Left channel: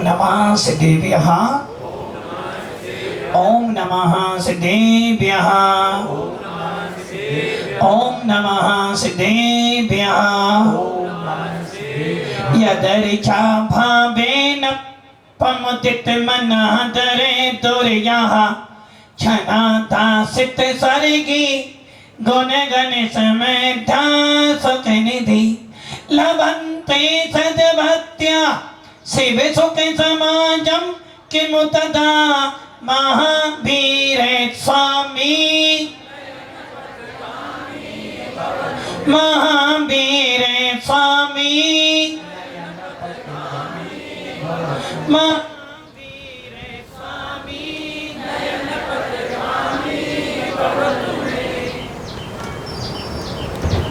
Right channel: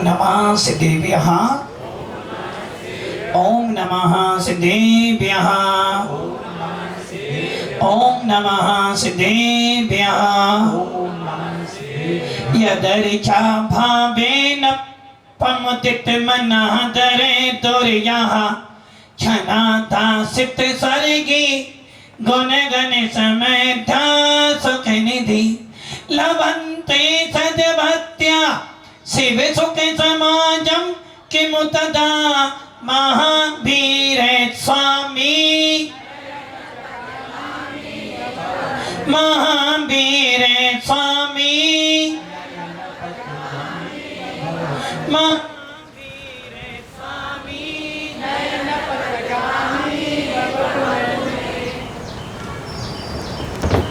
नमः सिद्धेभ्यः। ओम नमः सिद्धेभ्यः। ओम नमः सिद्धेभ्यः। यदर्चा भावेन पमुदित मनः दरे तुर्यः छनाता सित सर्गी गुण गण समेधा सुख निधि लभन्ते सद्भक्त्या शिव सुख समाजम किमुतदा महावीर स्वामी महावीर स्वामी महावीर स्वामी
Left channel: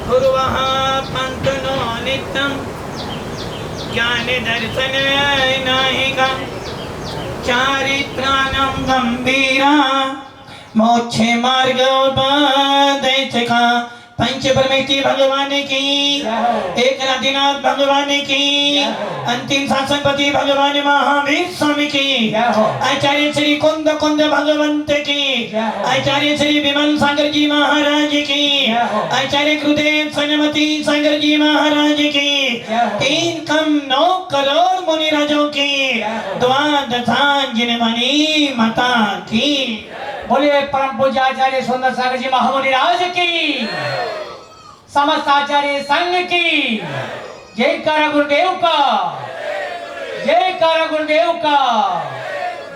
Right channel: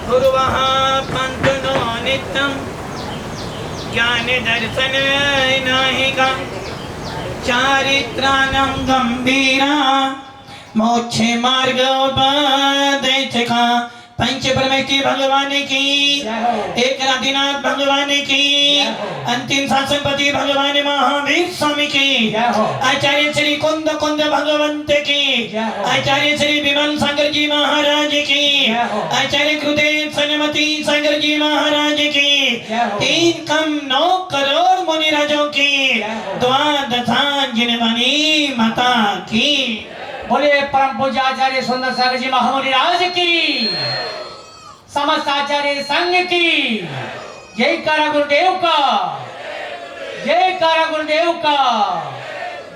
गुरुवः पंतनो नित्यं ज्ञान दर्शन नाहिका चारित्राणं गंभीरा मोक्षे मार्गोपदेशका पंच परमेश्वर भगवान की एक नाथ भगवान की अंतिम शासनपति भगवान महावीर स्वामी की आचार्य श्री कुंद कुंद भगवंत की आचार्य श्री विमल सागर जी महाराज की आचार्य गुरुदेव सन्मति सागर जी महाराज की 3,9 करोड़ मुनि राजों की द्वादशांजन वाणी माता की। बोले परम पूज्य आचार्य सुंदर सागर जी महामुनि राज की समस्त आचार्य संघ की जय कारा गुरुदेव का जय कारा गुरुदेव का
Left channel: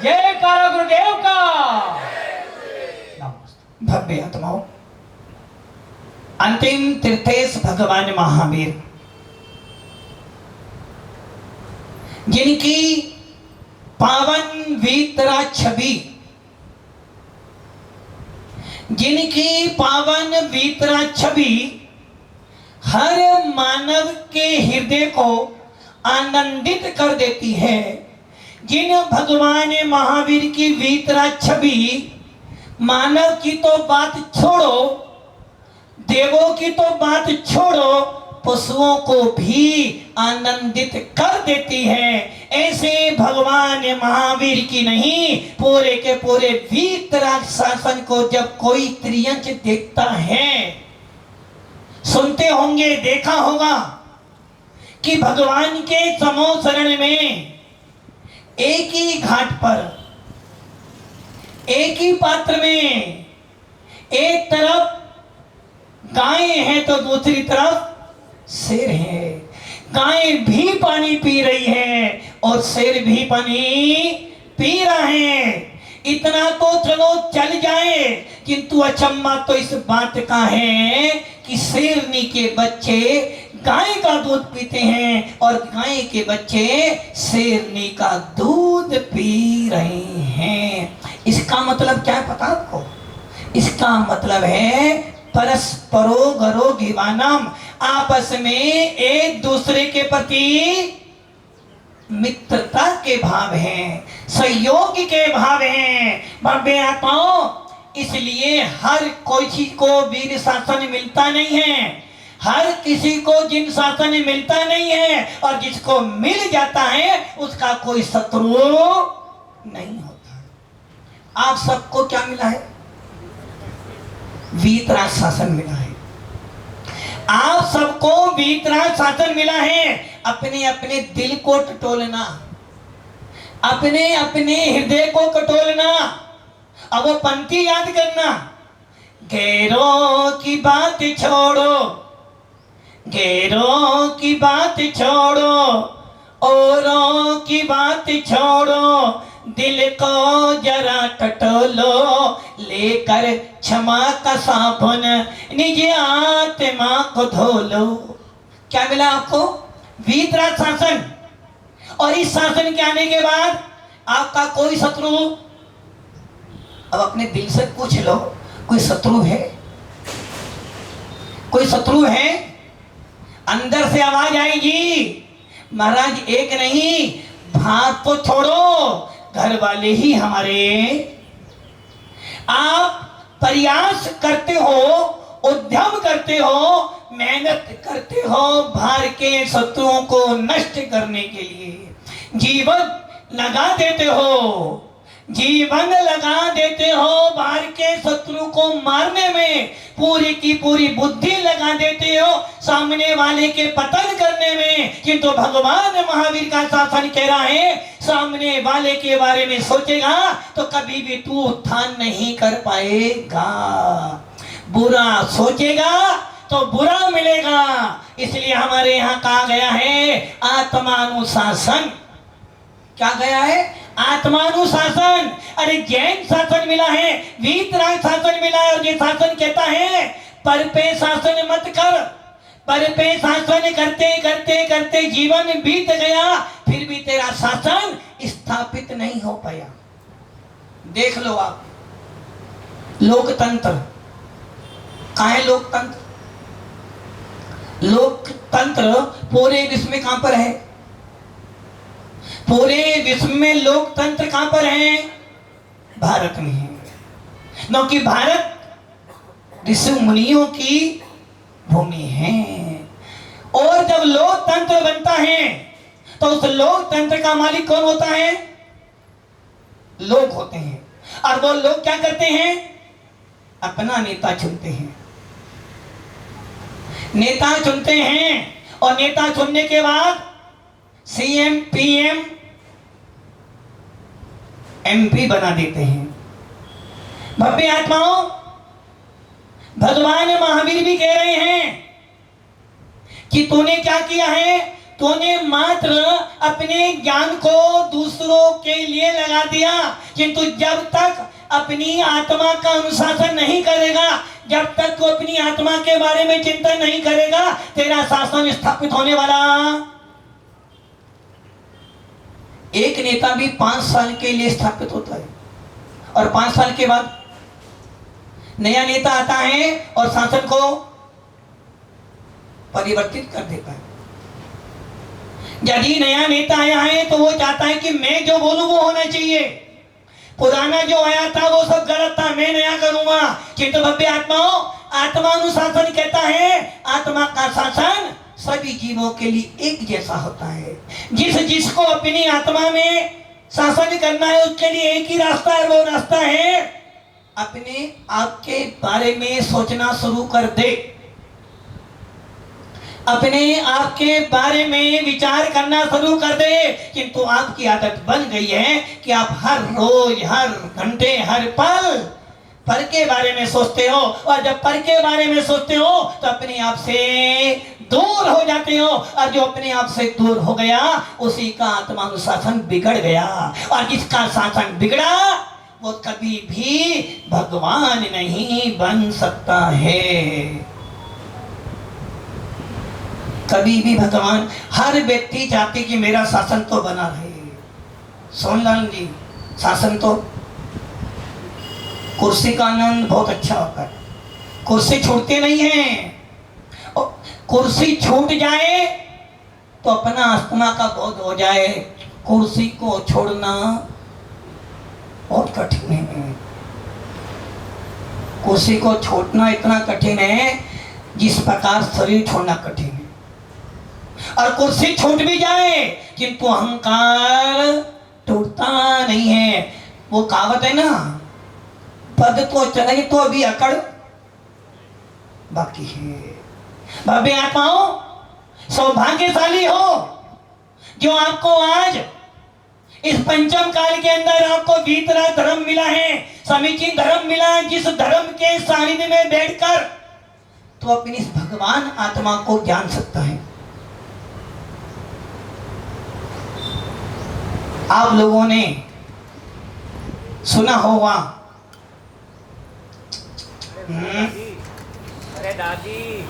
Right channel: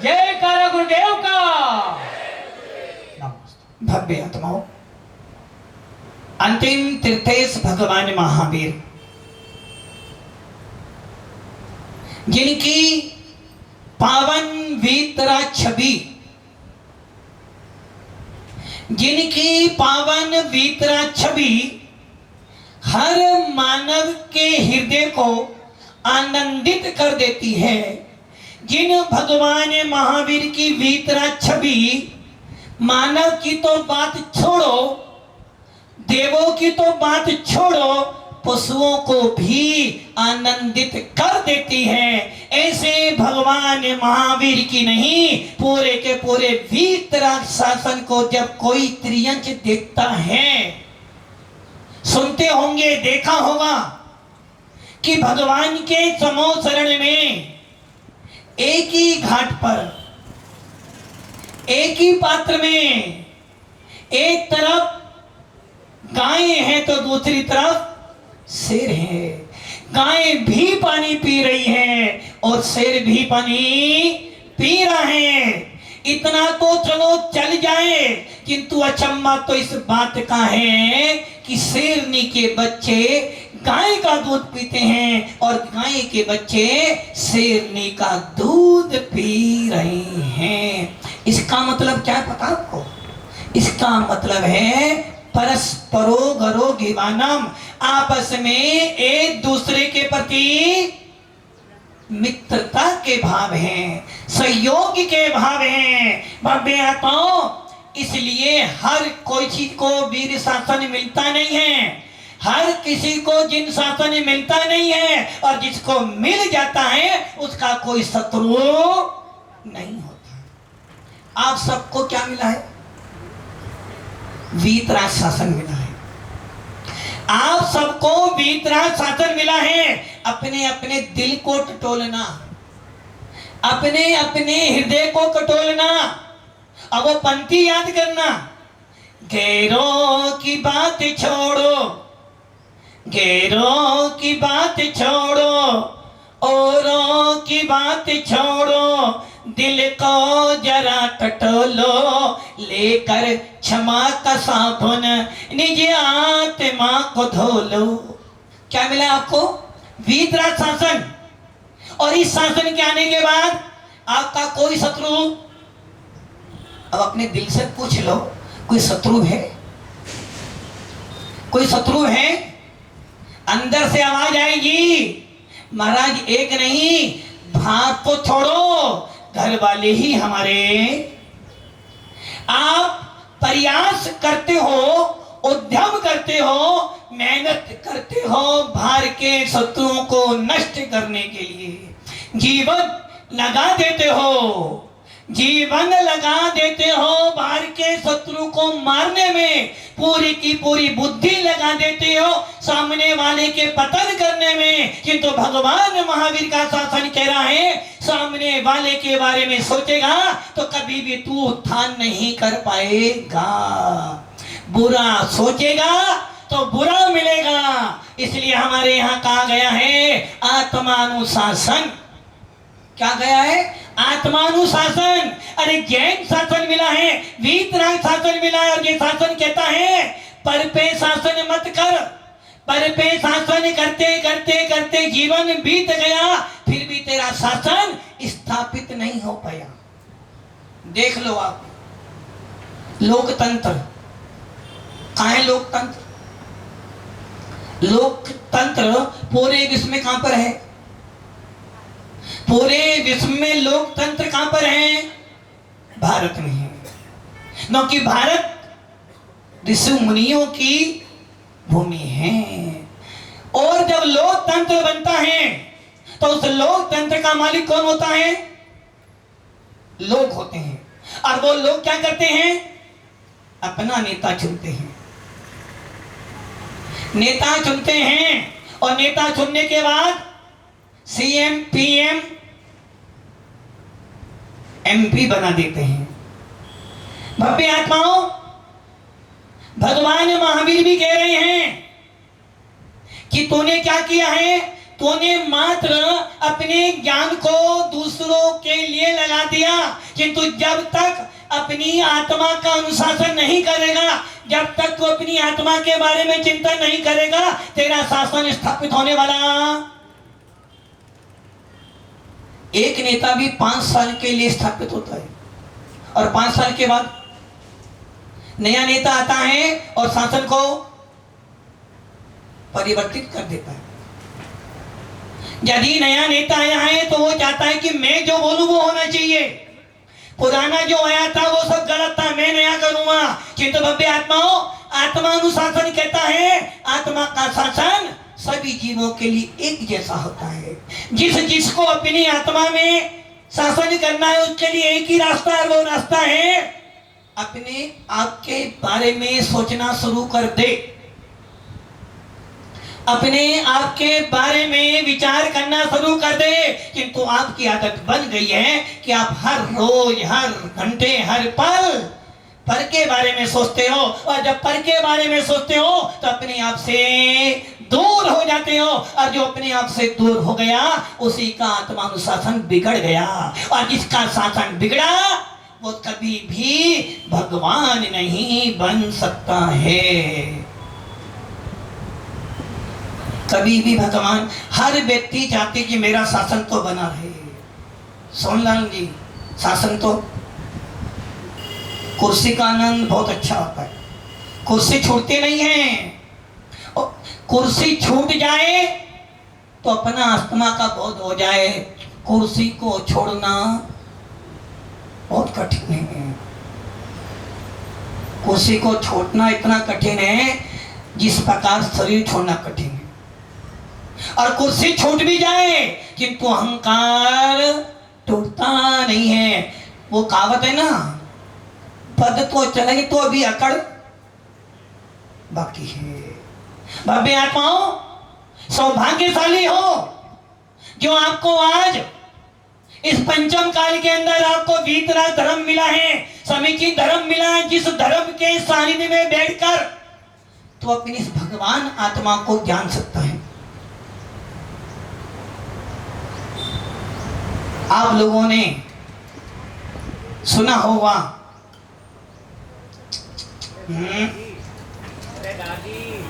जय कारा गुरुदेव का। भव्य आत्माओं, अंतिम तीर्थेश भगवान महावीर जिनकी पावन वीतरा छवि जिनकी पावन वीतरा छवि हर मानव के हृदय को आनंदित कर देती है, जिन भगवान महावीर की वीतरा छवि मानव की तो बात छोड़ो, देवों की तो बात छोड़ो, पशुओं को भी आनंदित कर देती है। ऐसे भगवान महावीर की नहीं, पूरे के पूरे वीतराग शासन को जब कोई त्रियंच देखता है, सुनते होंगे, देखा होगा कि भगवान के समूह शरण में एक ही घाट पर एक ही पात्र में एक तरफ गाय है तो दूसरी तरफ शेर है। गाय भी पानी पी रही है और शेर भी पानी पी रहा है। इतना तो चलो चल जाए, किंतु अचम्मा तो इस बात का है कि शेरनी के बच्चे गाय का दूध पीते हैं और गाय के बच्चे शेरनी का दूध पी रहे हैं। इसका मतलब क्या पता आपको? इसका मतलब है परस्परो गरो गिवानम, आपस में एक दूसरे के प्रति मित्रता के भाव हैं, सहयोग के भाव हैं। भव्य आत्माओं, इसलिए हर कोई चीज को वीर शासन मिलता नहीं है, हर किसी को जिन शासन मिलता नहीं है, और जिसको मिल जाता है उसका कोई शत्रु नहीं होता। आप सबको क्या मिला है? वीतराग शासन मिला है। आप सबको वीतराग शासन मिला है। अपने अपने दिल को टटोलना, अपने अपने हृदय को टटोलना, अब वो पंक्ति याद करना, गैरों की बात छोड़ो, गैरों की बात छोड़ो, औरों की बात छोड़ो, दिल को जरा टटोलो, लेकर क्षमा का साबुन निज आत्मा को धो लो। क्या मिला आपको? वीतराग शासन। और इस शासन के आने के बाद आपका कोई शत्रु, अब अपने दिल से पूछ लो, कोई शत्रु है? कोई शत्रु है? अंदर से आवाज आएगी, महाराज एक नहीं, भात तो छोड़ो, घर वाले ही हमारे। आप प्रयास करते हो, उद्यम करते हो, मेहनत करते हो बाहर के शत्रुओं को नष्ट करने के लिए। जीवन लगा देते हो, जीवन लगा देते हो बाहर के शत्रु को मारने में, पूरी की पूरी बुद्धि लगा देते हो सामने वाले के पतन करने में। किंतु भगवान महावीर का शासन कह रहा है, सामने वाले के बारे में सोचेगा तो कभी भी तू उत्थान नहीं कर पाएगा। बुरा सोचेगा तो बुरा मिलेगा। इसलिए हमारे यहाँ कहा गया है आत्मानुशासन। क्या गया है? आत्मानुशासन। अरे जैन शासन मिला है, वीतराग शासन मिला है, और ये शासन कहता है पर पे शासन मत कर। पर पे शासन करते करते करते जीवन बीत गया, फिर भी तेरा शासन स्थापित नहीं हो पाया। देख लो आप, लोकतंत्र कहाँ है? लोकतंत्र, लोकतंत्र पूरे विश्व में कहां पर है? पूरे विश्व में लोकतंत्र कहां पर है? भारत में है। क्योंकि भारत ऋषि मुनियों की भूमि है। और जब लोकतंत्र बनता है तो उस लोकतंत्र का मालिक कौन होता है? लोग होते हैं। और वो लोग क्या करते हैं? अपना नेता चुनते हैं। नेता चुनते हैं, और नेता चुनने के बाद सीएम, पीएम, एमपी बना देते हैं। भव्य आत्माओं, भगवान महावीर भी कह रहे हैं कि तूने क्या किया है? तूने मात्र अपने ज्ञान को दूसरों के लिए लगा दिया, किंतु जब तक अपनी आत्मा का अनुशासन नहीं करेगा, जब तक तू अपनी आत्मा के बारे में चिंतन नहीं करेगा, तेरा शासन स्थापित होने वाला। एक नेता भी 5 साल के लिए स्थापित होता है, और 5 साल के बाद नया नेता आता है और शासन को परिवर्तित कर देता है। यदि नया नेता आया है तो वो चाहता है कि मैं जो बोलूं वो होना चाहिए, पुराना जो आया था वो सब गलत था, मैं नया करूंगा। किंतु भव्य आत्माओं, आत्मानुशासन कहता है आत्मा का शासन सभी जीवों के लिए एक जैसा होता है। जिसको अपनी आत्मा में शासन करना है उसके लिए एक ही रास्ता है, वो रास्ता है अपने आप के बारे में सोचना शुरू कर दे, अपने आप के बारे में विचार करना शुरू कर दे। किंतु आपकी आदत बन गई है कि आप हर रोज, हर घंटे, हर पल पर के बारे में सोचते हो, और जब पर के बारे में सोचते हो तो अपने आप से दूर हो जाते हो, और जो अपने आप से दूर हो गया उसी का आत्मानुशासन बिगड़ गया। और जिसका शासन बिगड़ा वो कभी भी भगवान नहीं बन सकता है। कभी भी भगवान, हर व्यक्ति चाहते कि मेरा शासन तो बना रहे। सोनलाल जी, शासन तो, कुर्सी का आनंद बहुत अच्छा होता है, कुर्सी छूटती नहीं है। कुर्सी छूट जाए तो अपना आत्मा का बोध हो जाए, कुर्सी को छोड़ना बहुत कठिन है। कुर्सी को छोड़ना इतना कठिन है जिस प्रकार शरीर छोड़ना कठिन है। और कुर्सी छूट भी जाए किंतु अहंकार टूटता नहीं है। वो कहावत है ना, पद तो चले तो भी अकड़ बाकी है। भव्य आत्माओं, सौभाग्यशाली हो जो आपको आज इस पंचम काल के अंदर आपको भीतरा धर्म मिला है, समीचीन धर्म मिला है, जिस धर्म के सानिध्य में बैठकर तो अपनी इस भगवान आत्मा को जान सकता है। आप लोगों ने सुना होगा, अरे दादी,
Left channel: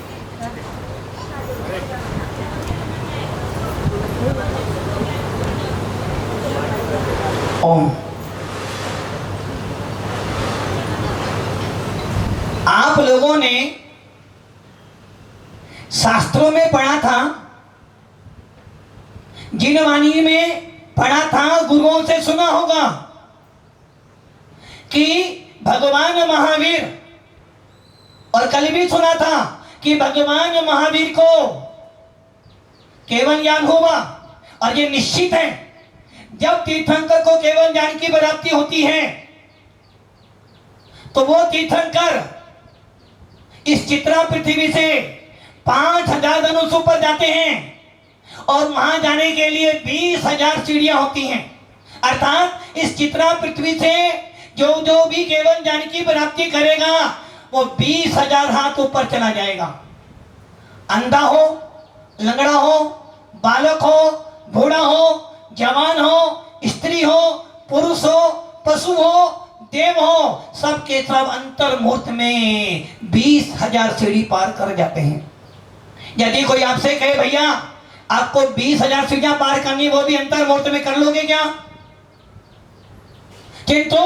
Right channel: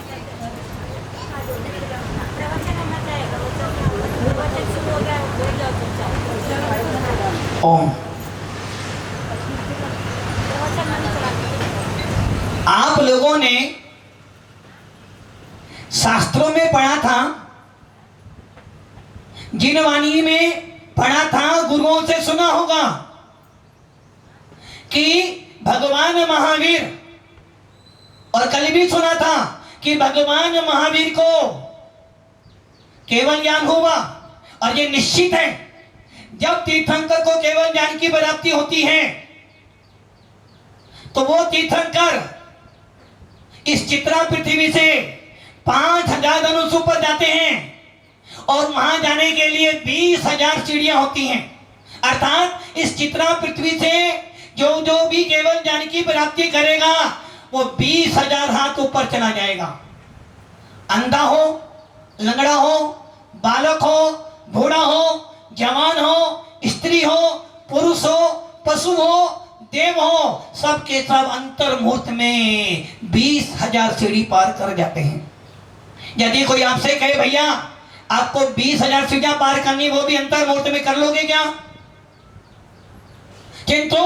ओम, आप लोगों ने शास्त्रों में पढ़ा था, जिन वाणी में पढ़ा था, गुरुओं से सुना होगा कि भगवान महावीर, और कल भी सुना था कि भगवान महावीर को केवल ज्ञान हुआ, और ये निश्चित है जब तीर्थंकर को केवल ज्ञान की प्राप्ति होती है तो वो तीर्थंकर इस चित्रा पृथ्वी से 5000 धनुष ऊपर जाते हैं और वहां जाने के लिए 20,000 सीढ़ियां होती हैं। अर्थात इस चित्रा पृथ्वी से जो भी केवल ज्ञान की प्राप्ति करेगा वो 20,000 हाथ ऊपर चला जाएगा। अंधा हो, लंगड़ा हो, बालक हो, बूढ़ा हो, जवान हो, स्त्री हो, पुरुष हो, पशु हो, देव हो, सबके सब अंतर्मुहूर्त में 20,000 सीढ़ी पार कर जाते हैं। यदि कोई आपसे कहे भैया आपको 20,000 सीढ़ियां पार करनी, वो भी अंतर्मुहूर्त में कर लोगे क्या? किंतु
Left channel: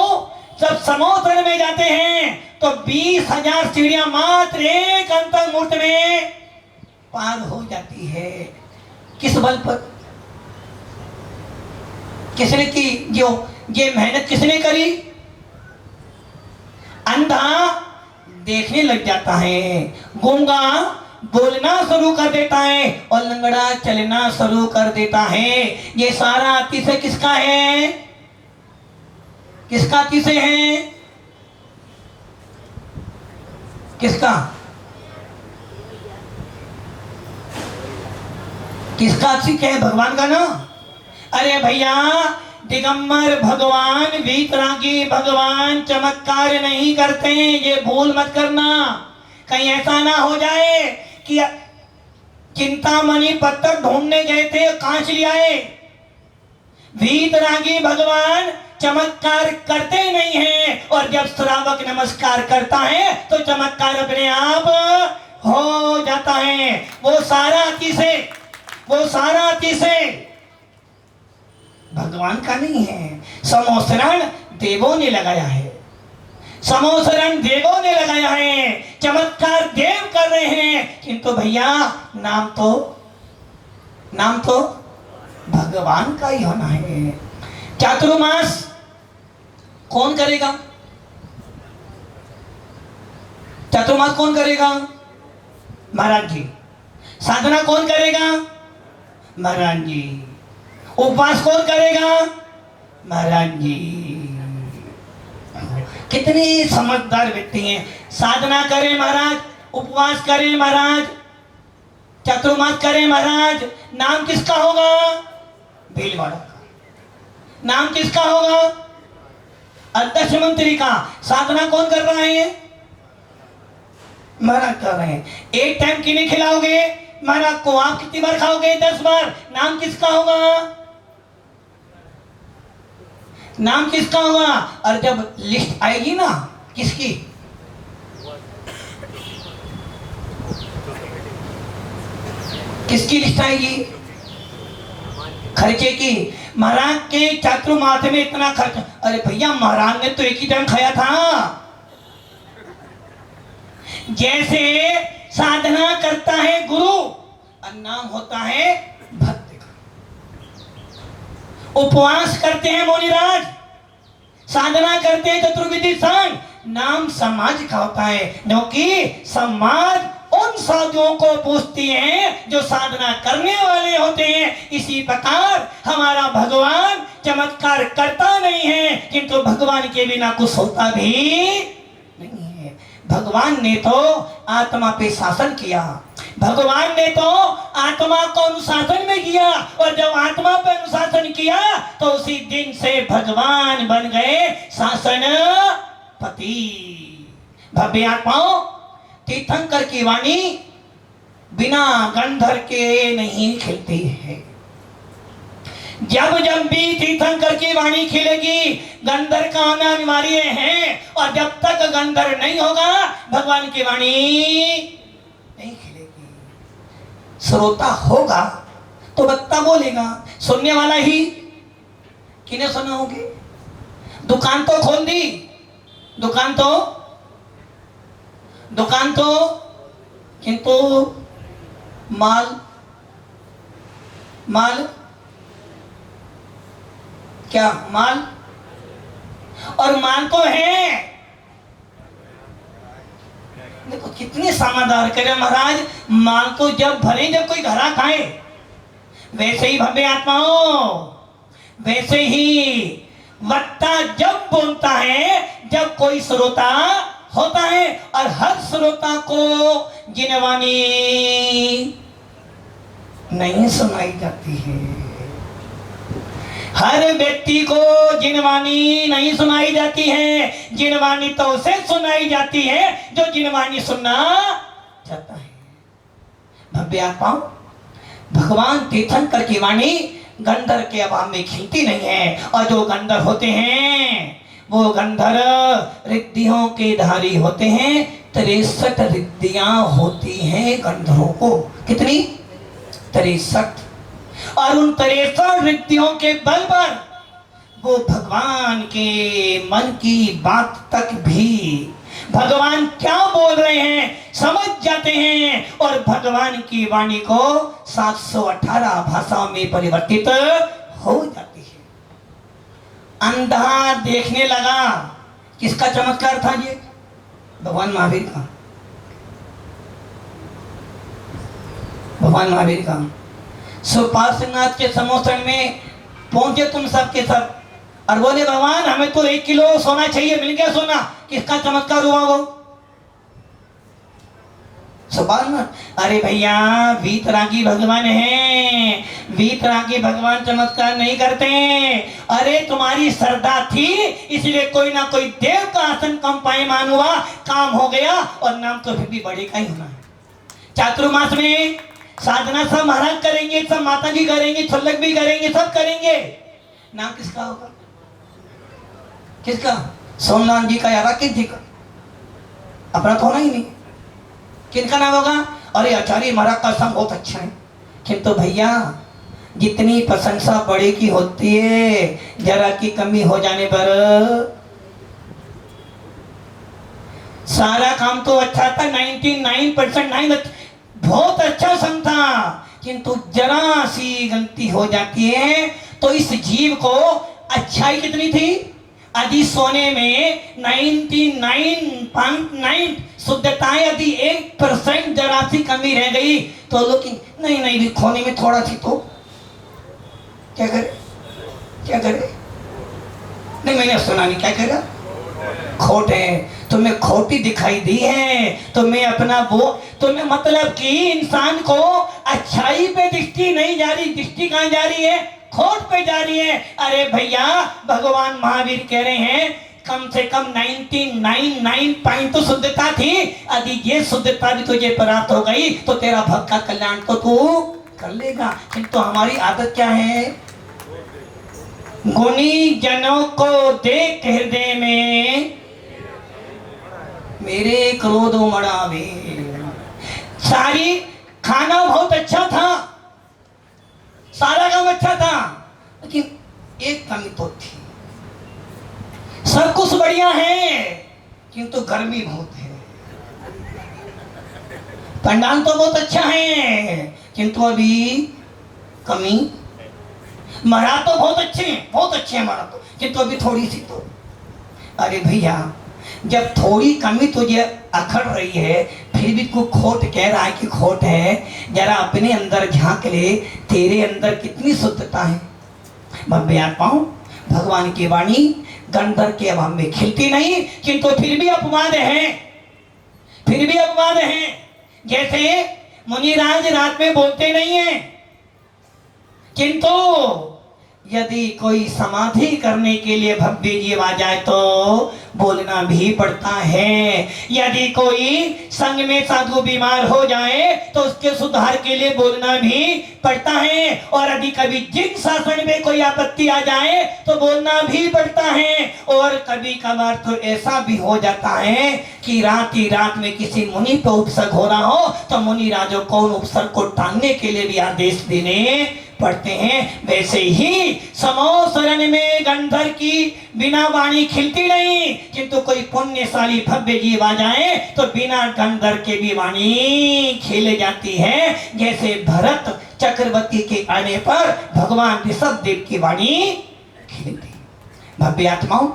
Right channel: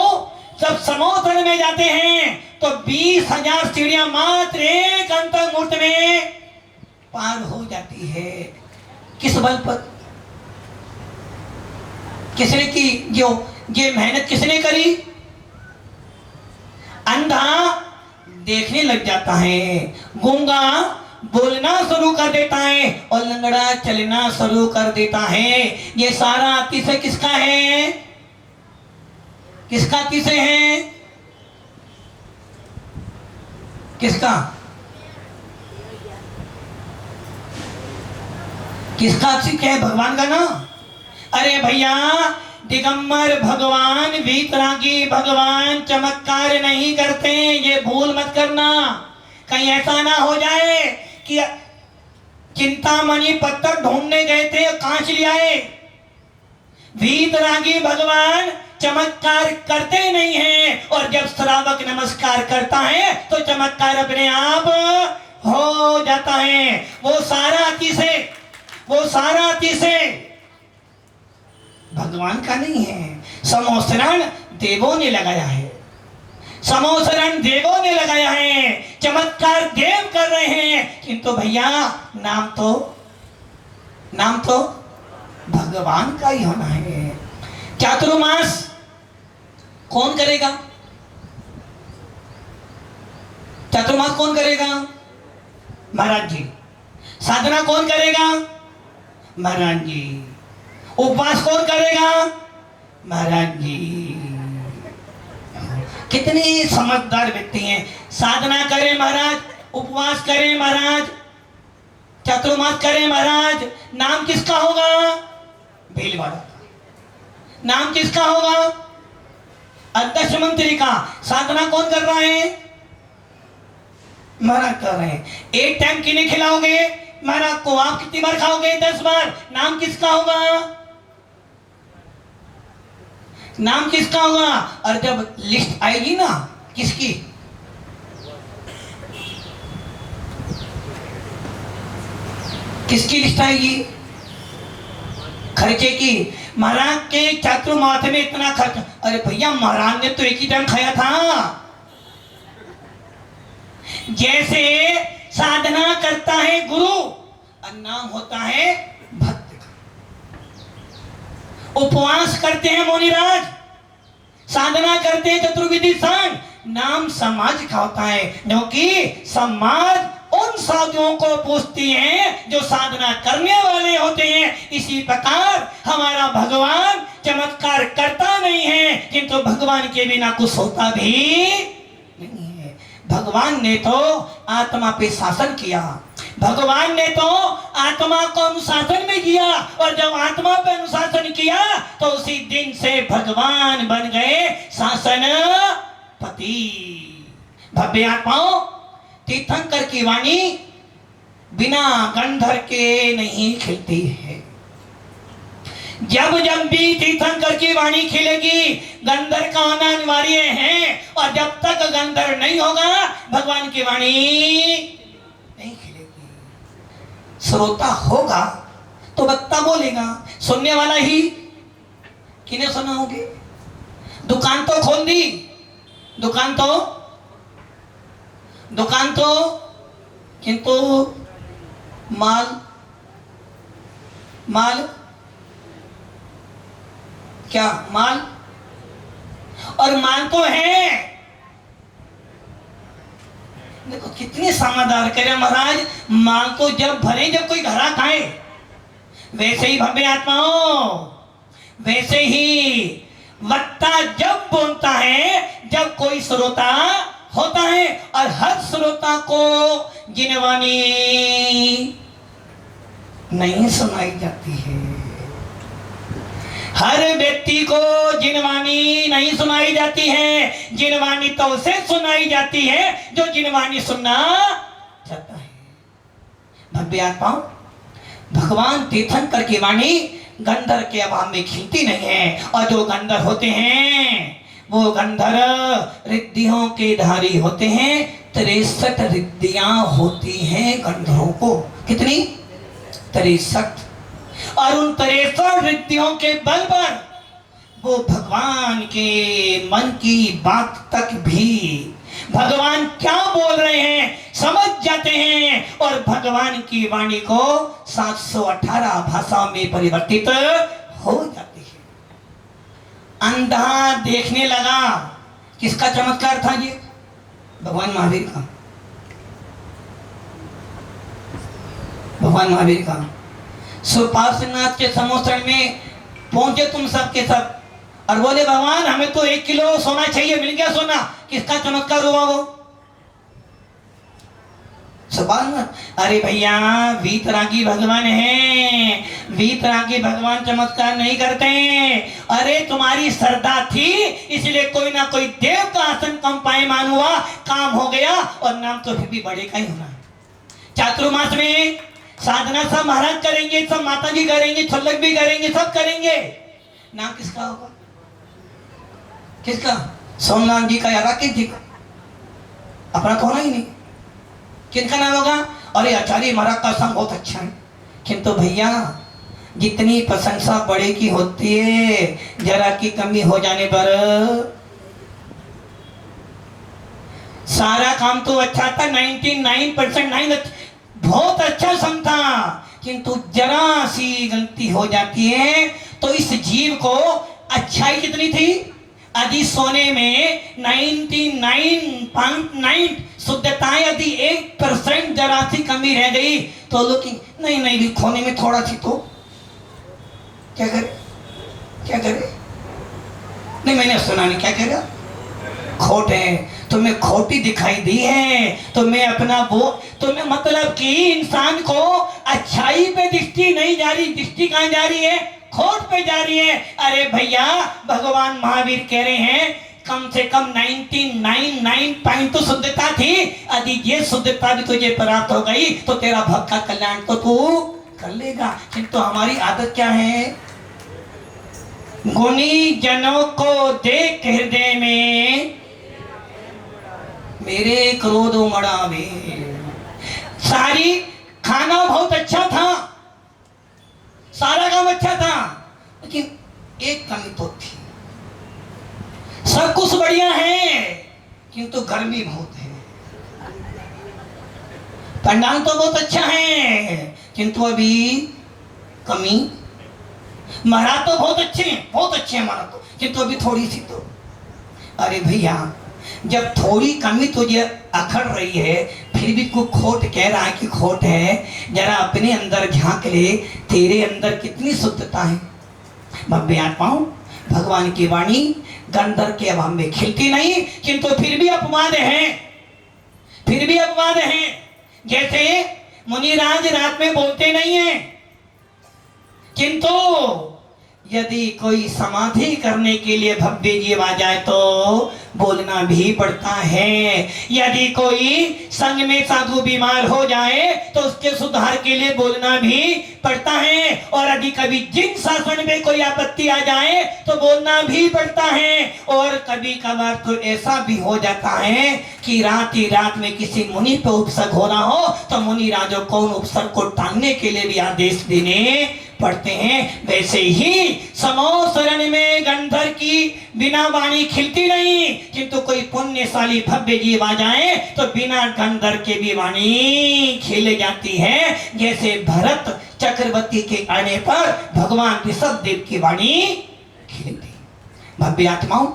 जब समुद्र में जाते हैं तो 20,000 सीढ़ियां मात्र एक अंतर्मुहूर्त में पार हो जाती है। किस बल पर? किसने की? जो ये मेहनत किसने करी? अंधा देखने लग जाता है, गूंगा बोलना शुरू कर देता है और लंगड़ा चलना शुरू कर देता है। ये सारा अतिशय किसका है? किसका अतिशय है? किसका? किसका अतिशय है? भगवान का ना। अरे भैया दिगंबर भगवान, वीतरागी भगवान चमत्कार नहीं करते, ये भूल मत करना। कहीं ऐसा ना हो जाए कि चिंतामणि पत्थर ढूंढने गए थे, कांच ले आए। वीतरागी भगवान चमत्कार करते नहीं हैं और जब श्रावक नमस्कार करता है तो चमत्कार अपने आप हो जाता है। वो सारा अतिशय भगवान का नहीं है, समोसरण देवों ने लगाया है। समोसरण देवों ने लगाया है, चमत्कार देव कर रहे हैं, किंतु भैया नाम तो भगवान का ही होना है। चातुर्मास कौन करेगा? चातुर्मास कौन करेगा? महाराज जी। साधना कौन करेगा? महाराज जी। उपवास कौन करेगा? महाराज जी। कितने समझदार व्यक्ति हैं। साधना करें महाराज, उपवास करें महाराज, चातुर्मास करें महाराज, नाम किसका होगा? भीलवाड़ा का। नाम किसका होगा? अध्यक्ष मंत्री का। साधना कौन कर रहा है? महाराज कर रहे हैं। एक टाइम किन्हें खिलाओगे? महाराज को। आप कितनी बार खाओगे? 10 बार। नाम किसका होगा? नाम किसका होगा? और जब लिस्ट आएगी ना, किसकी? किसकी लिस्ट आएगी? खर्चे की। महाराज के चातुर्मास में इतना खर्च। अरे भैया महाराज ने तो एक ही टाइम खाया था। जैसे साधना करता है गुरु और नाम होता है भक्त का। उपवास करते हैं मुनिराज, साधना करते हैं चतुर्विधि संग, नाम समाज का होता है, क्योंकि समाज उन साधुओं को पूछती हैं जो साधना करने वाले होते हैं। इसी प्रकार हमारा भगवान चमत्कार करता नहीं है, किंतु भगवान के बिना कुछ होता भी नहीं है। भगवान ने तो आत्मा पे शासन किया, भगवान ने तो आत्मा को अनुशासन में किया, और जब आत्मा पे अनुशासन किया तो उसी दिन से भगवान बन गए शासन पति। भव्य आत्माओं, तीर्थंकर की वाणी बिना गंधर के नहीं खिलती है। जब जब भी तीर्थंकर की वाणी खिलेगी गंधर का आना अनिवार्य है, और जब तक गंधर नहीं होगा भगवान की वाणी नहीं खिलेगी। श्रोता होगा तो बत्ता बोलेगा, सुनने वाला ही किन्हें सुनाओगे? दुकान तो खोल दी, दुकान तो किंतु माल क्या? माल और माल तो है। देखो कितनी समझदार करे महाराज, माल को जब भरे जब कोई घरा खाए। वैसे ही भव्य आत्माओं, वैसे ही वक्ता जब बोलता है जब कोई श्रोता होता है, और हर श्रोता को जिनवानी नहीं सुनाई जाती है। हर व्यक्ति को जिनवानी नहीं सुनाई जाती है। जिनवानी तो उसे सुनाई जाती है जो जिनवानी सुनना चाहता है। भव्य आत्माओं, भगवान तीर्थंकर की वाणी गंधर के अभाव में खिलती नहीं है, और जो गंधर होते हैं वो गंधर रिद्धियों के धारी होते हैं। 63 रिद्धियां होती हैं गंधरों को। कितनी? 63। और उन 63 रिद्धियों के बल पर वो भगवान के मन की बात तक भी भगवान क्या बोल रहे हैं समझ जाते हैं, और भगवान की वाणी को 718 भाषाओं में परिवर्तित हो जाती है। अंधा देखने लगा। किसका चमत्कार था ये? भगवान महावीर का। भगवान महावीर का। सुपार्श्वनाथ के समुद्र में पहुंचे तुम सब के सब, और बोले भगवान हमें तो 1 किलो सोना चाहिए। मिल गया सोना। किसका चमत्कार हुआ वो? सुपार्श्वनाथ। अरे भैया वीतरागी भगवान है, वीतरागी भगवान चमत्कार नहीं करते। अरे तुम्हारी श्रद्धा थी इसलिए कोई ना कोई देव का आसन कम पायमान हुआ, काम हो गया, और नाम तो फिर भी बड़े का ही होना है। चातुर्मास में साधना सब महाराज करेंगे, सब माता जी करेंगे, छल्लक भी करेंगे, सब करेंगे। नाम किसका होगा? किसका? सोमनाथ जी का या राकेश जी का? अपना तो होना ही नहीं। किनका नाम होगा? अरे आचार्य महाराज का संग बहुत अच्छा है। किंतु भैया जितनी प्रशंसा बड़े की होती है, जरा की कमी हो जाने पर सारा काम तो अच्छा था। 99% बहुत अच्छा संग था, किंतु जरा सी गलती हो जाती है तो इस जीव को अच्छाई कितनी थी? यदि सोने में 99.9 शुद्धताएं यदि 1% जरा सी कमी रह गई तो लोग नहीं खोने में थोड़ा सी तो क्या करे? क्या करे? नहीं मैंने सुना नहीं। क्या करेगा? खोट है। तुम्हें खोटी दिखाई दी है, तुम्हें अपना वो तुम्हें मतलब कि इंसान को अच्छाई पे दृष्टि नहीं जा रही। दृष्टि कहाँ जा रही है? खोट पे जा रही है। अरे भैया भगवान महावीर कह रहे हैं कम से कम 99.9 तो शुद्धता थी। यदि ये शुद्धता भी तुझे प्राप्त हो गई तो तेरा भक्त का कल्याण को तू कर लेगा। किंतु हमारी आदत क्या है? गुणी जनों को देख हृदय में मेरे क्रोध उमड़ावे। सारी खाना बहुत अच्छा था, सारा काम अच्छा था, लेकिन एक कमी तो थी। सब कुछ बढ़िया है किंतु गर्मी बहुत है। पंडाल तो बहुत अच्छा है किंतु अभी कमी। महाराज तो बहुत अच्छे हैं, बहुत अच्छे हैं महाराज तो, किंतु अभी थोड़ी सी तो। अरे भैया जब थोड़ी कमी तुझे अखड़ रही है फिर भी तू खोट कह रहा है कि खोट है, जरा अपने अंदर झांक ले, तेरे अंदर कितनी शुद्धता है। भव्य आत्माओं, भगवान की वाणी गंधर के अभाव में खिलती नहीं, किंतु फिर भी अपवाद है, फिर भी अपवाद है। जैसे मुनिराज रात में बोलते नहीं है, किंतु यदि कोई समाधि करने के लिए भव्य जीव आ जाए तो बोलना भी पड़ता है। यदि कोई संग में साधु बीमार हो जाए तो उसके सुधार के लिए बोलना भी पड़ता है। और यदि कभी जिन शासन में कोई आपत्ति आ जाए तो बोलना भी पड़ता है। और कभी कभार तो ऐसा भी हो जाता है कि रात ही रात में किसी मुनि पे उपसर्ग हो रहा हो तो मुनि राजों को उन उपसर्ग को टांगने के लिए भी आदेश देने पढ़ते हैं। वैसे ही समो शरण में गंधर की बिना वाणी खिलती नहीं, किंतु कोई पुण्यशाली भव्य जीव आ जाए तो बिना गंधर के भी वाणी खिल जाती है। जैसे भरत चक्रवर्ती के आने पर भगवान ऋषभ देव की वाणी खिलती। भव्य आत्माओं,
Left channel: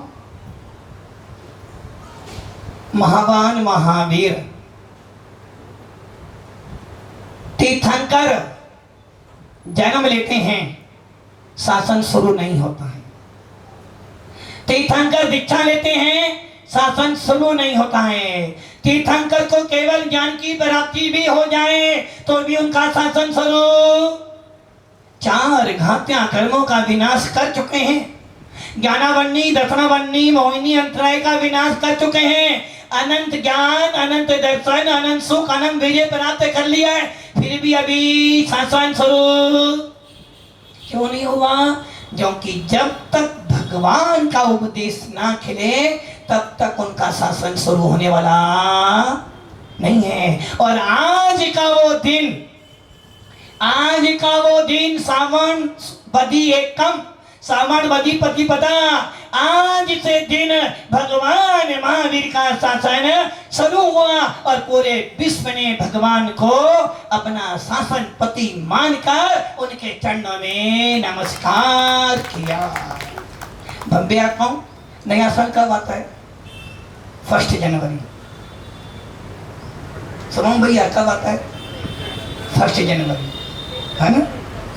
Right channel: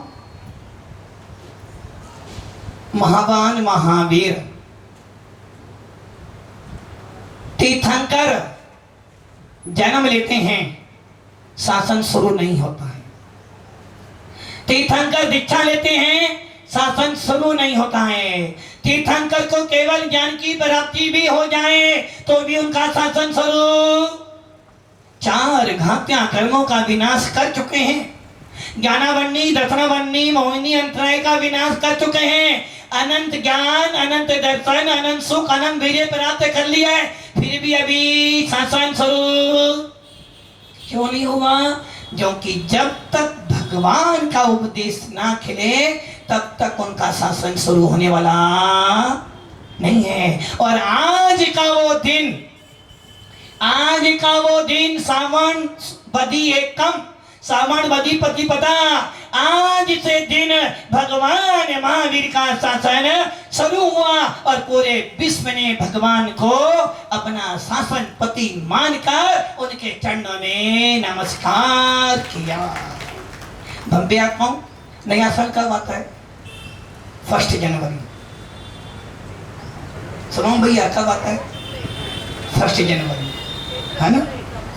महावान महावीर तीर्थंकर जन्म लेते हैं शासन शुरू नहीं होता है। तीर्थंकर दीक्षा लेते हैं, शासन शुरू नहीं होता है। तीर्थंकर को केवल ज्ञान की प्राप्ति भी हो जाए तो भी उनका शासन शुरू। 4 घातियां कर्मों का विनाश कर चुके हैं। ज्ञानावन्नी, दर्शनावन्नी, मोहिनी अंतराय का विनाश कर चुके हैं। अनंत ज्ञान, अनंत दर्शन, अनंत सुख, अनंत विजय प्राप्त कर लिया है, फिर भी अभी शासन शुरू क्यों नहीं हुआ? क्योंकि जब तक भगवान का उपदेश ना खिले तब तक उनका शासन शुरू होने वाला नहीं है। और आज का वो दिन सावन बदी एकम, सावन बदी प्रतिपदा, आज से दिन भगवान महावीर का शासन शुरू हुआ और पूरे विश्व ने भगवान को अपना शासन पति मानकर उनके चरणों में नमस्कार किया। बम्बे आता हूं, नया साल कब आता है? 1 जनवरी। सुनो भैया, कब आता है? 1 जनवरी, है ना?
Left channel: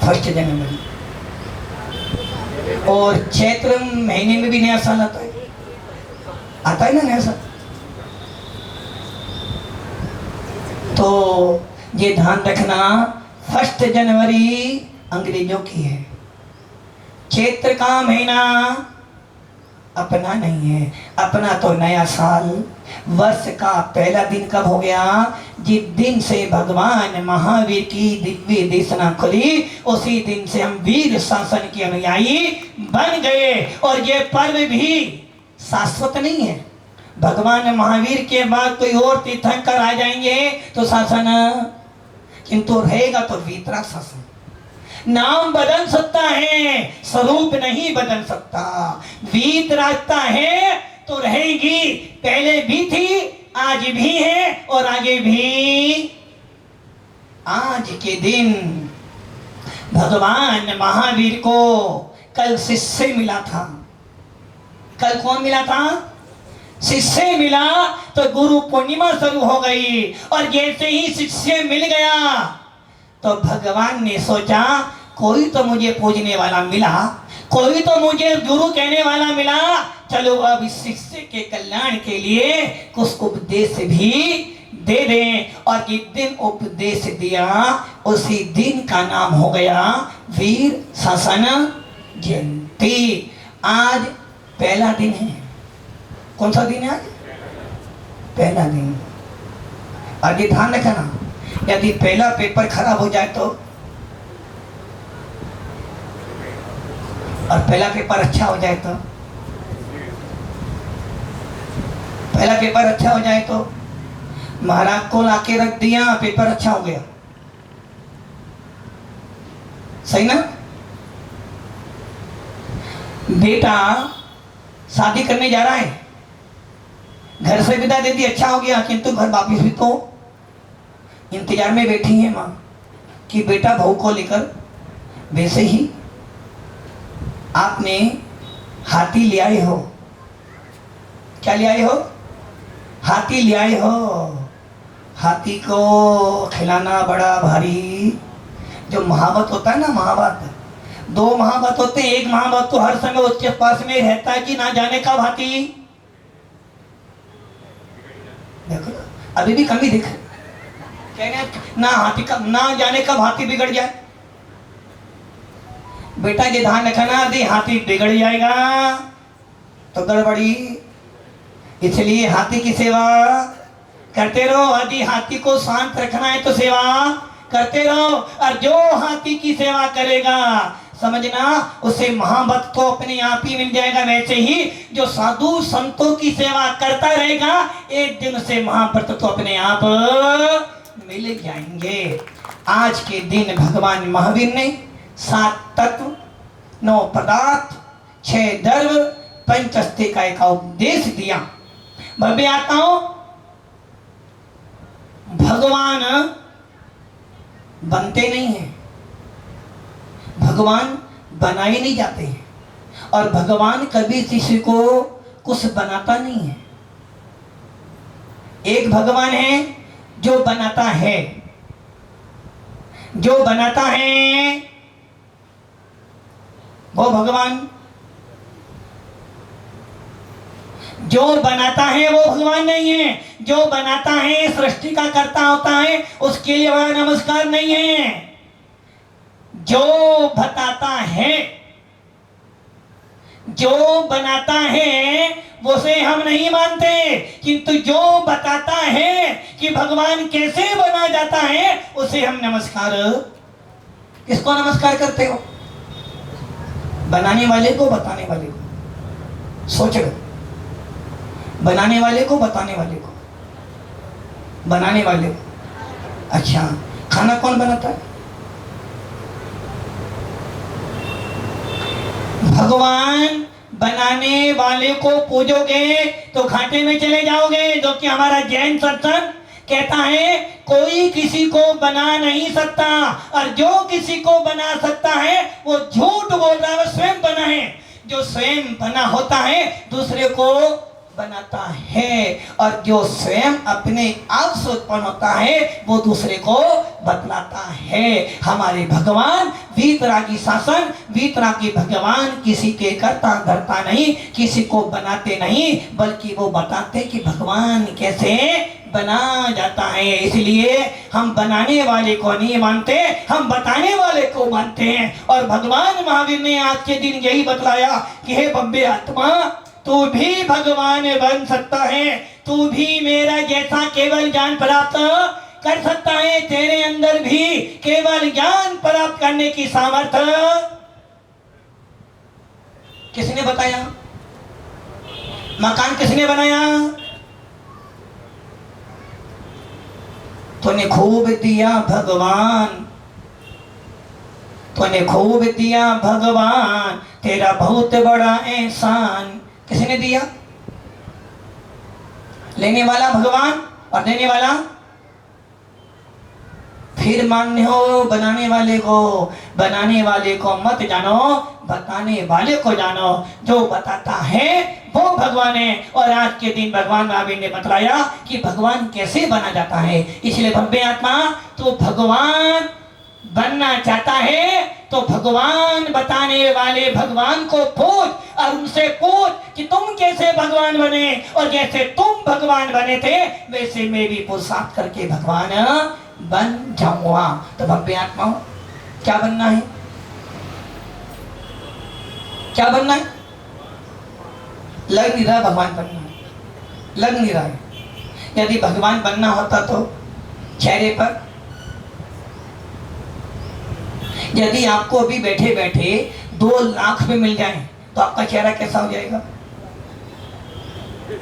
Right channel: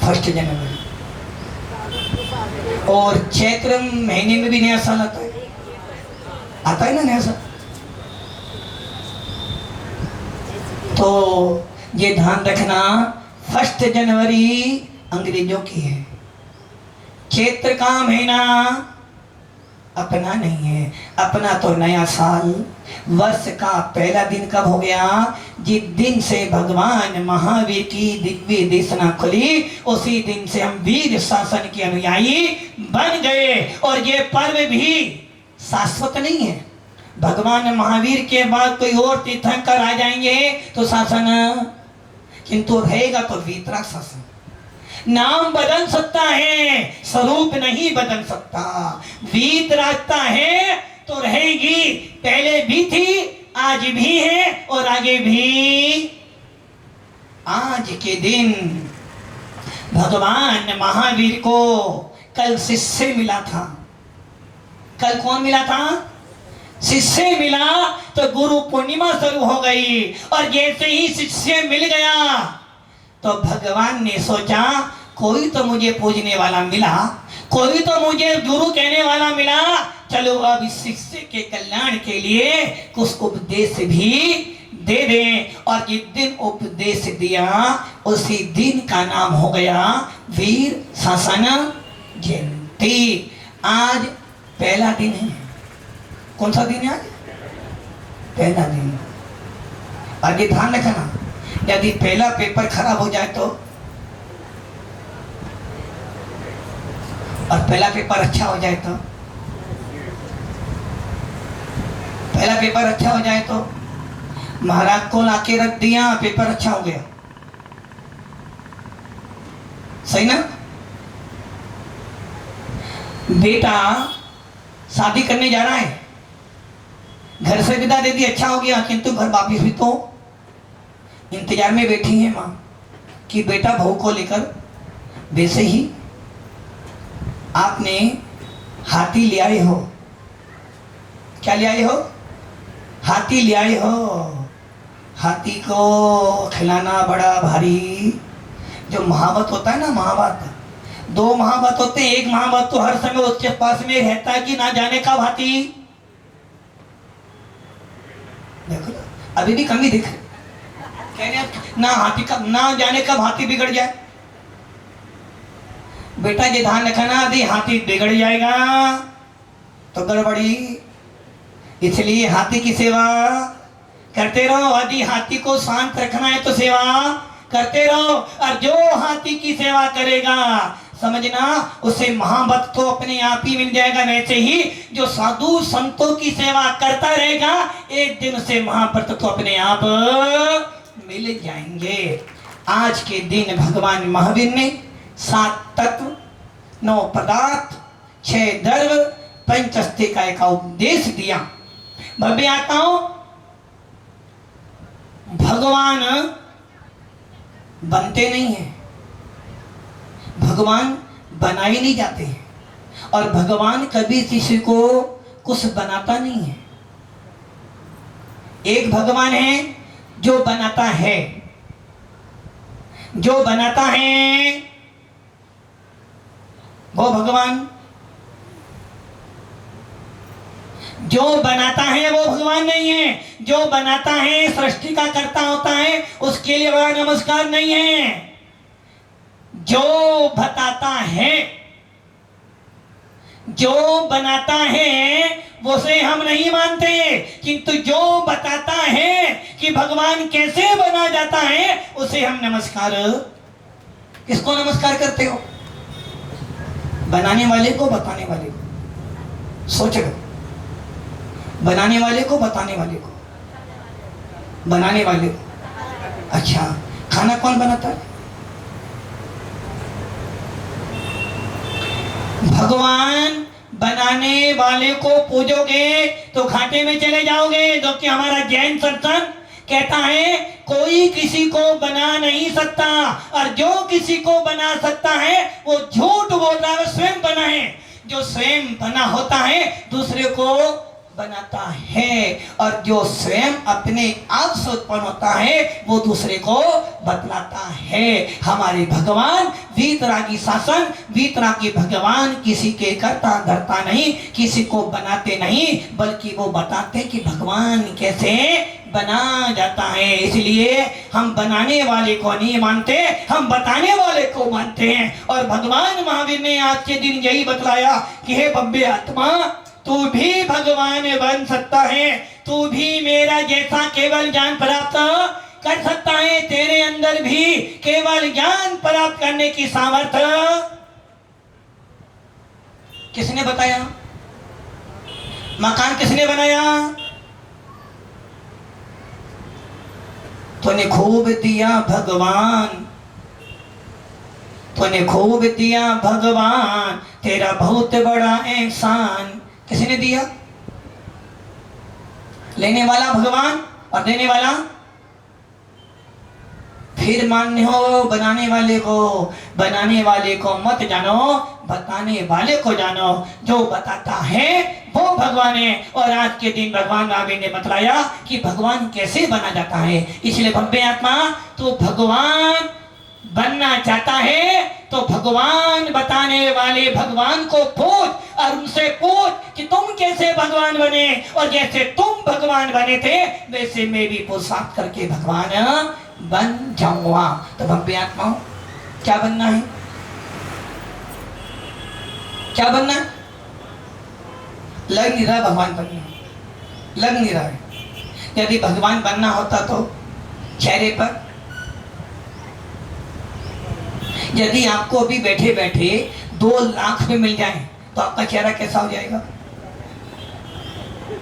1 जनवरी। और चैत्र महीने में भी नया साल आता है ना नया साल। तो ये ध्यान रखना, 1 जनवरी अंग्रेजों की है, चैत्र का महीना अपना नहीं है। अपना तो नया साल, वर्ष का पहला दिन कब हो गया? जिस दिन से भगवान महावीर की दिव्य देशना खुली, उसी दिन से हम वीर शासन के अनुयायी बन गए। और ये पर्व भी शाश्वत नहीं है। भगवान महावीर के बाद कोई और तीर्थंकर आ जाएंगे तो शासन किंतु रहेगा तो वीतराग शासन। नाम बदल सकता है, स्वरूप नहीं बदल सकता। वीतरागता है तो रहेगी, पहले भी थी, आज भी है और आगे भी। आज के दिन भगवान महावीर को कल शिष्य मिला था। कल कौन मिला था? शिष्य मिला तो गुरु पूर्णिमा शुरू हो गई। और जैसे ही शिष्य मिल गया तो भगवान ने सोचा कोई तो मुझे पूजने वाला मिला, कोई तो मुझे गुरु कहने वाला मिला, चलो अब इस शिष्य के कल्याण के लिए कुछ उपदेश भी दे दें। और जिस दिन उपदेश दिया उसी दिन का नाम हो गया वीर शासन जयंती। आज पहला दिन है। कौन सा दिन है आज? पहला दिन। आगे ध्यान रखना, यदि पहला पेपर खराब हो जाए तो, और पहला पेपर अच्छा हो जाए तो, पहला पेपर अच्छा हो जाए तो महाराज को लाके रख दिया, पेपर अच्छा हो गया, सही ना? बेटा शादी करने जा रहा है, घर से विदा दे दी, अच्छा हो गया, किंतु घर वापिस भी तो इंतजार में बैठी है माँ कि बेटा बहू को लेकर। वैसे ही आपने हाथी ले आए हो। क्या ले आए हो? हाथी ले आए हो। हाथी को खिलाना बड़ा भारी। जो महावत होता है ना, महावत, 2 महावत होते हैं। एक महावत तो हर समय उसके पास में रहता है कि ना जाने कब हाथी, देखो अभी भी कमी दिख, कहने ना हाथी कब, ना जाने कब हाथी बिगड़ जाए। बेटा ये ध्यान रखना, यदि हाथी बिगड़ जाएगा तो गड़बड़ी। इसलिए हाथी की सेवा करते रहो। यदि हाथी को शांत रखना है तो सेवा करते रहो। और जो हाथी की सेवा करेगा समझना उसे महावत तो अपने आप ही मिल जाएगा। वैसे ही जो साधु संतों की सेवा करता रहेगा एक दिन उसे महावत तो अपने आप मिल जाएंगे। आज के दिन भगवान महावीर ने 7 तत्व, 9 पदार्थ, 6 धर्म, 5 अस्तिका का उपदेश दिया। मैं आता हूं, भगवान बनते नहीं हैं, भगवान बनाए नहीं जाते हैं। और भगवान कभी किसी को कुछ बनाता नहीं है। एक भगवान है जो बनाता है, जो बनाता है वो भगवान। जो बनाता है वो भगवान नहीं है, जो बनाता है सृष्टि का कर्ता होता है, उसके लिए वह नमस्कार नहीं है। जो बताता है, जो बनाता है वो से हम नहीं मानते, किंतु जो बताता है कि भगवान कैसे बना जाता है उसे हम नमस्कार। किसको नमस्कार करते हो? बनाने वाले को, बताने वाले को। सोचो, बनाने वाले को, बताने वाले को, बनाने वाले को। अच्छा, खाना कौन बनाता है? भगवान। बनाने वाले को पूजोगे तो घाटे में चले जाओगे, जो कि हमारा जैन सत्संग कहता है कोई किसी को बना नहीं सकता, और जो किसी को बना सकता है वो झूठ बोल रहा है, स्वयं बना है। जो स्वयं बना होता है दूसरे को बनाता है, और जो स्वयं अपने आप से उत्पन्न होता है वो दूसरे को बतलाता है। हमारे भगवान वीतरागी शासन, वीतरागी भगवान किसी के करता धरता नहीं, किसी को बनाते नहीं, बल्कि वो बताते कि भगवान कैसे बना जाता है। इसलिए हम बनाने वाले को नहीं मानते, हम बताने वाले को मानते हैं। और भगवान महावीर ने आज के दिन यही बतलाया कि हे भव्य आत्मा, तू भी भगवान बन सकता है, तू भी मेरा जैसा केवल ज्ञान प्राप्त कर सकता है। तेरे अंदर भी केवल ज्ञान प्राप्त करने की सामर्थ्य किसने बताया? मकान किसने बनाया? तूने खूब दिया भगवान, तूने खूब दिया भगवान, तेरा बहुत बड़ा एहसान। किसने दिया? लेने वाला भगवान और देने वाला। फिर मान्य हो बनाने वाले को। बनाने वाले को मत जानो, बताने वाले को जानो। जो बताता है वो भगवान है। और आज के दिन भगवान महावीर ने बतलाया कि भगवान कैसे बना जाता है। इसलिए भव्य आत्मा, तो भगवान बनना चाहता है तो भगवान बताने वाले भगवान को पूछ, और उनसे पूछ कि तुम कैसे भगवान बने, और जैसे तुम भगवान बने थे वैसे मैं भी पुरुषार्थ करके भगवान बन जाऊंगा। तो भव्य आत्मा, क्या बनना है? क्या बनना है? लग नहीं रहा भगवान बनना, लग नहीं रहा है। यदि भगवान बनना होता तो चेहरे पर, यदि आपको अभी बैठे बैठे 2 लाख रुपए मिल जाए तो आपका चेहरा कैसा हो जाएगा?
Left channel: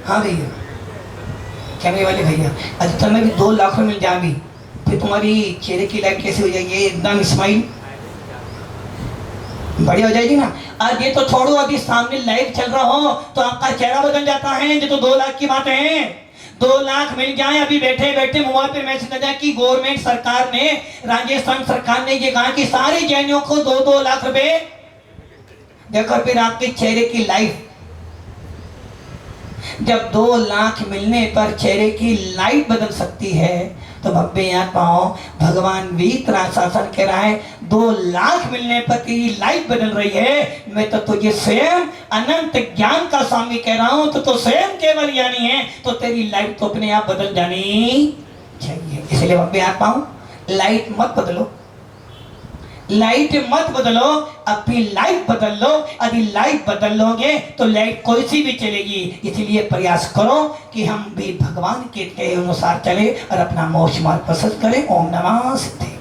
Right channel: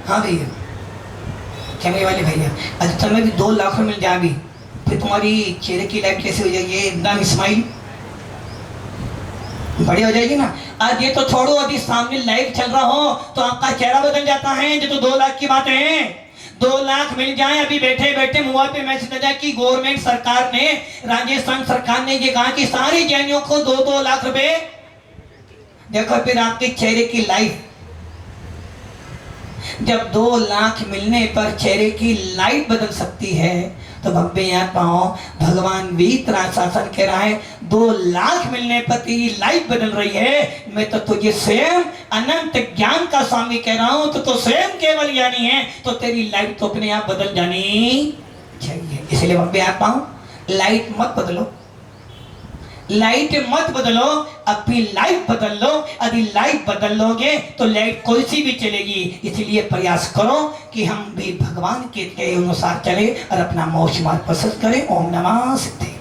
हाँ भैया, कैमरे वाले भैया, अच्छा में भी 2 लाख रुपए मिल जाए अभी, फिर तुम्हारी चेहरे की लाइट कैसे हो जाएगी? एकदम स्माइल बढ़िया हो जाएगी ना। आज ये तो छोड़ो, अभी सामने लाइव चल रहा हो तो आपका चेहरा बदल जाता है। ये तो 2 लाख की बात है। 2 लाख मिल जाए अभी बैठे बैठे, मोबाइल पे मैसेज आ जाए कि गवर्नमेंट सरकार ने, राजस्थान सरकार ने ये कहा कि सारी जैनियों को 2-2 लाख रुपए। देखो फिर आपके चेहरे की लाइफ, जब 2 लाख मिलने पर चेहरे की लाइट बदल सकती है तो भव्य आत्माओं, भगवान वीतराग शासन कह रहा है 2 लाख मिलने पर तेरी लाइफ बदल रही है। मैं तो तुझे स्वयं अनंत ज्ञान का स्वामी कह रहा हूं, तो स्वयं केवल ज्ञानी है, तो तेरी लाइफ तो अपने आप बदल जानी चाहिए। इसलिए भव्य आत्माओं, लाइट मत बदलो, लाइट मत बदलो, अपनी लाइफ बदल लो। यदि लाइफ बदल लोगे तो लाइट कोई सी भी चलेगी। इसलिए प्रयास करो कि हम भी भगवान के अनुसार चले और अपना मोक्ष मार्ग पसंद करें। ओम नमः सिद्धे।